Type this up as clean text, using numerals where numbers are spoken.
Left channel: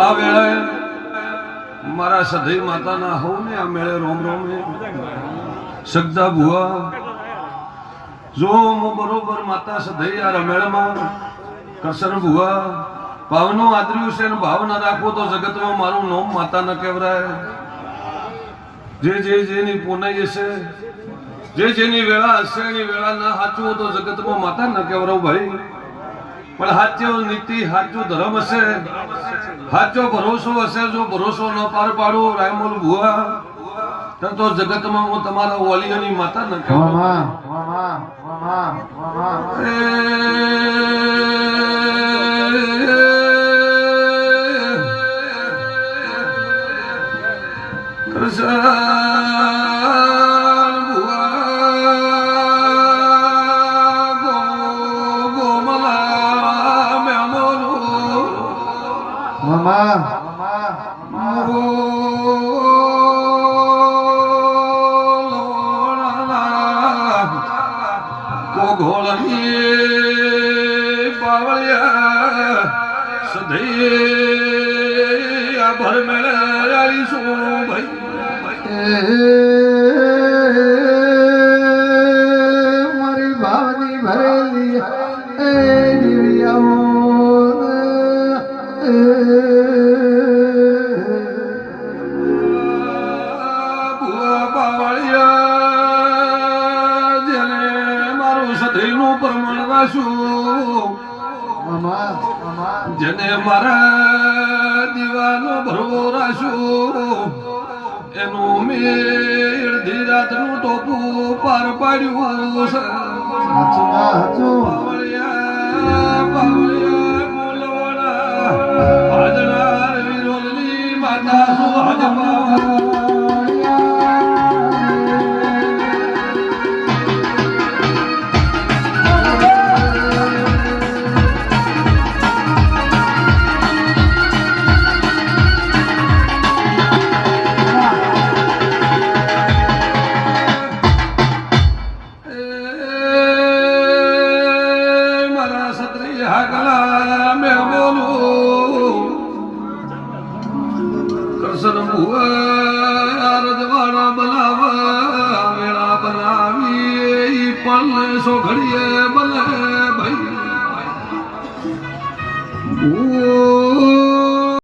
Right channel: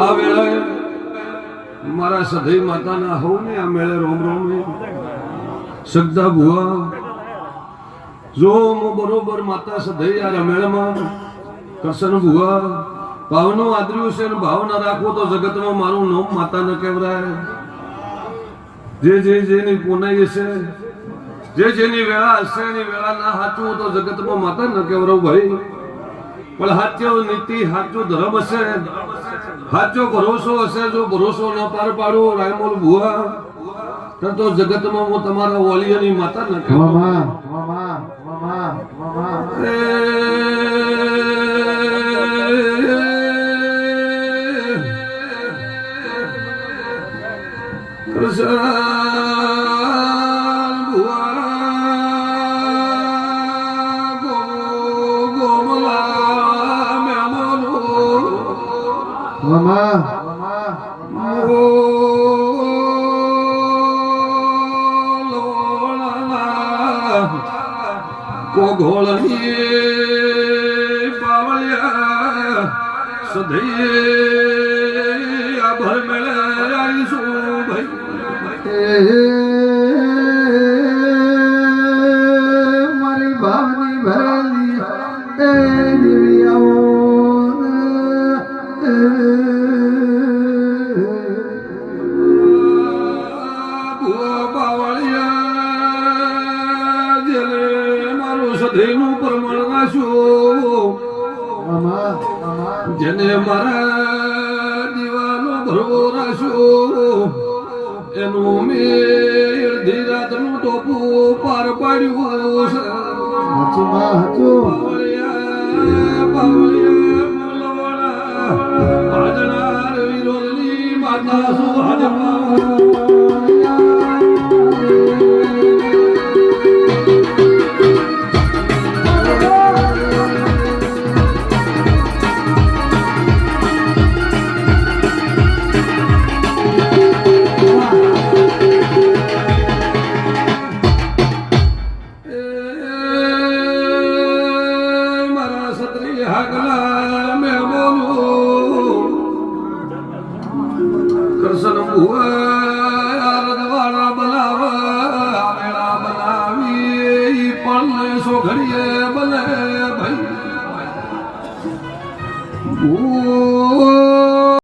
આ વેળાએ મારા સધઈ માતાના હોવ ને આ મેળે રોમ રોમ ને સગદા ભુવા જો હું બરોબર માતા સધઈ આ રમેળમાં કરશન ભુવા ભાવનો આદર્યું છે ને ભાવના રાખવો તો જગતમાં મારું નામ માતા ન કહેવાય. જે જેની પોનાઈ હશે જે જેની વેળા હશે એની વેળા ના સાચવું તો જગતમાં માતા ન કહેવાય ભાઈ. પણ સાચો નીતિ સાચો ધર્મ હશે સાચો ભરોસો હશે જો ભરોસો ન પાર પાડો રાયમોલ ભુવા તો જગતમાં હું તમારા વાલીઓની માતા ન કહેવાય. ઘોળની પાવળિયા સધઈ આ ભર મેળે આવીશું ભાઈ. મારી ભાવની ભરેલી એ દિવ્યાઓ સધઈનું પ્રમાણ રાશું જેને મારા દીવાનો ભરવો રાશું એનું મેળ ધીરાતનું ટોપું પાર પાડ્યું છે. હાજરા વિરોધની માતા શું હાજરા કરશન ભુવા